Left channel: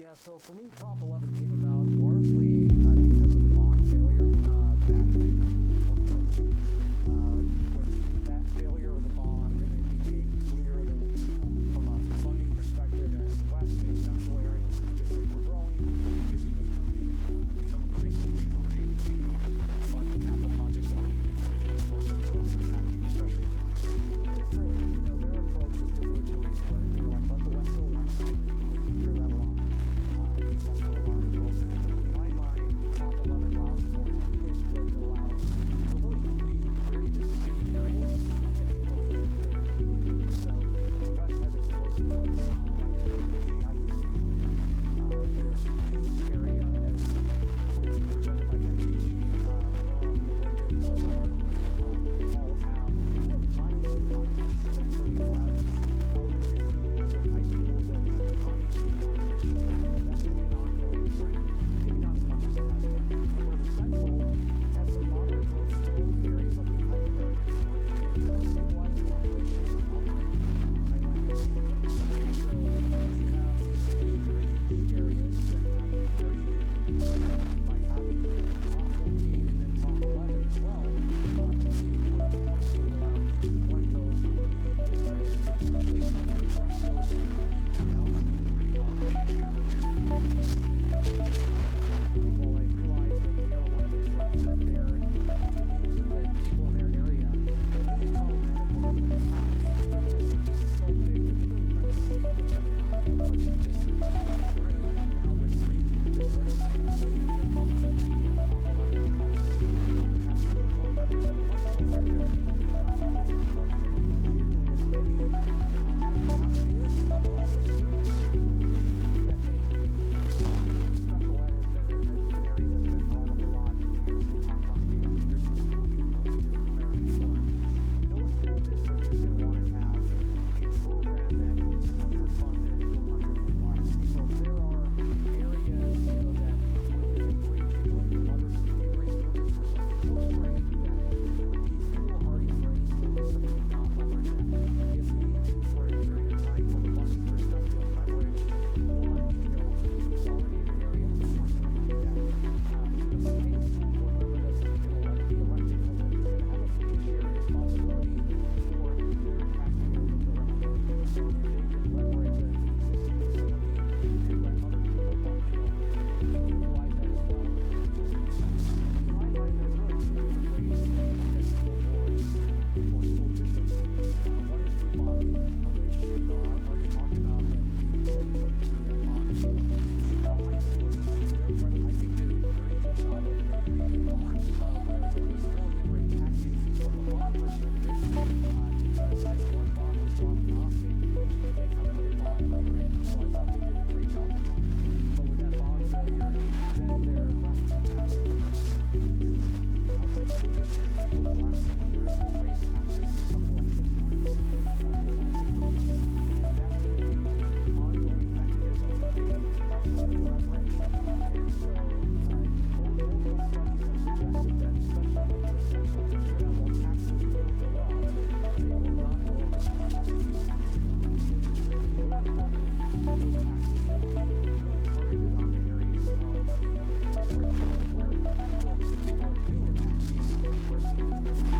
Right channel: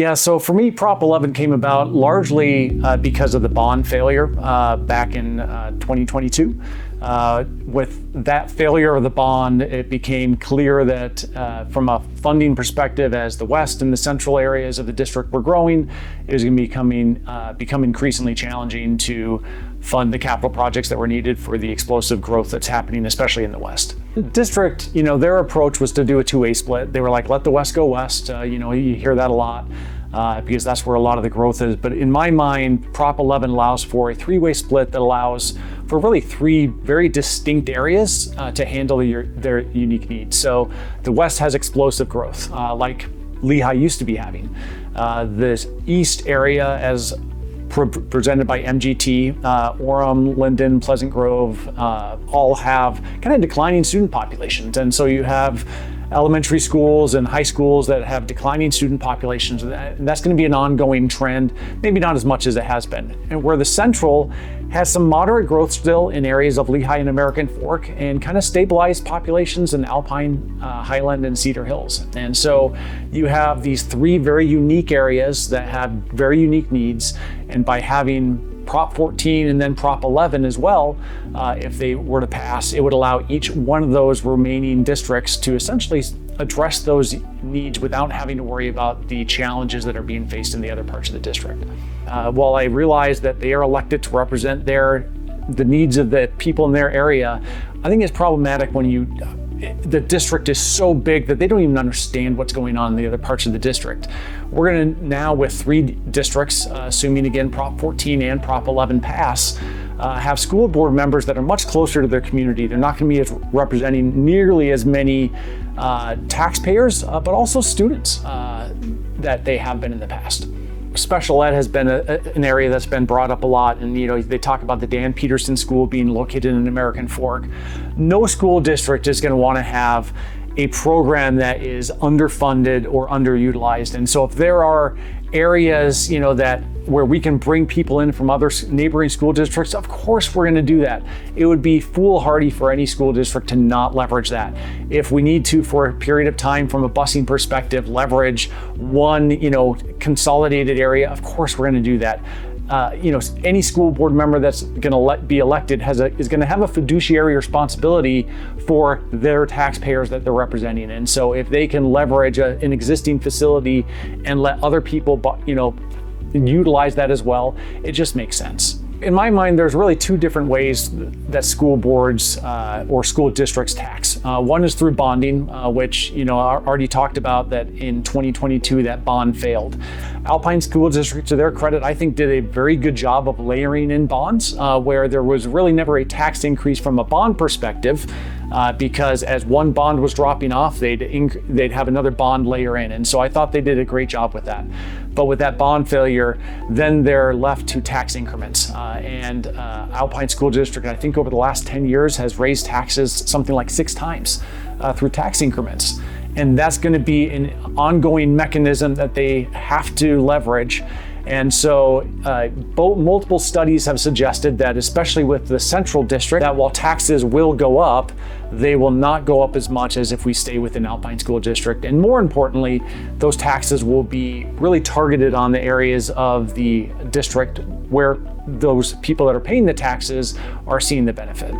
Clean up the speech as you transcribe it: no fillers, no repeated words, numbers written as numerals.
Yeah, so for me, Prop 11 came about largely because of the bond failure back in 2022. With that failure of the bond, it became clear that from a funding perspective, as the west and the central areas of the district were growing, it was going to become increasingly challenging to fund the capital projects that were needed for the explosive growth that's happening, especially in the west. The district, their approach was to do a two-way split. They were like, let the west go west. You hear that a lot. Because that's where a lot of the growth is. But in my mind, Prop 11 allows for a three-way split that allows for really three very distinct areas to handle their unique needs. So the West has explosive growth, like Lehigh used to be having. This East area, as presented by MGT, Orem, Linden, Pleasant Grove, all have kind of declining student populations. And so you have elementary schools and high schools that have declining student populations. And that's going to be an ongoing trend, maybe not as much as it has been. And where the Central has some moderate growth still in areas of Lehigh and American Fork and kind of stabilized populations in Alpine, Highland, and Cedar Hills. And so you have these three very unique areas that have very unique needs. And by having Prop 14 and then Prop 11 as well, if they were to pass, it would allow each one of those remaining districts to essentially address those needs without having to worry about the challenges that are being faced in the other parts of the district. While I realize that they are elected to represent the needs of the people in their area, I think it's problematic when the district is so big that they don't even understand what's going on in the other parts of the district. We're going to now, with three districts, assuming again Prop 14 and Prop 11 pass, have school board members that are much closer to their community. They're not going to be representing nearly as many taxpayers, but also students that they have been in the past. Special ed has been an area that's been brought up a lot, and they talk about the Dan Peterson School being located in American Fork. No school district is going to want to have a program that is underfunded or underutilized. And so if there are areas that where we can bring people in from other neighboring school districts, of course we're going to do that. It would be foolhardy for any school district to not leverage that. If we need to, for a period of time from a busing perspective, leverage one consolidated area, of course we're going to do that. Any school board member that's going to be elected is going to have a fiduciary responsibility for their taxpayers that they're representing. And so if they can leverage an existing facility and let other people, utilize that as well, it just makes sense. In my mind, there's really two different ways that school boards or school districts tax. One is through bonding, which I already talked about that in 2022 that bond failed. Alpine School District, to their credit, I think did a very good job of layering in bonds where there was really never a tax increase from a bond perspective because as one bond was dropping off, they'd have another bond layer in. And so I thought they did a great job with that. But with that bond failure, then they're left to tax increments. And Alpine School District, I think over the last 10 years, has raised taxes something like 6 times through tax increments. And that's going to be an ongoing mechanism that they have to leverage. And so multiple studies have suggested that, especially with the central district, that while taxes will go up, they will not go up as much as if we stay within Alpine School District. And more importantly, those taxes will be really targeted on the areas of the district where those people that are paying the taxes are seeing the benefit.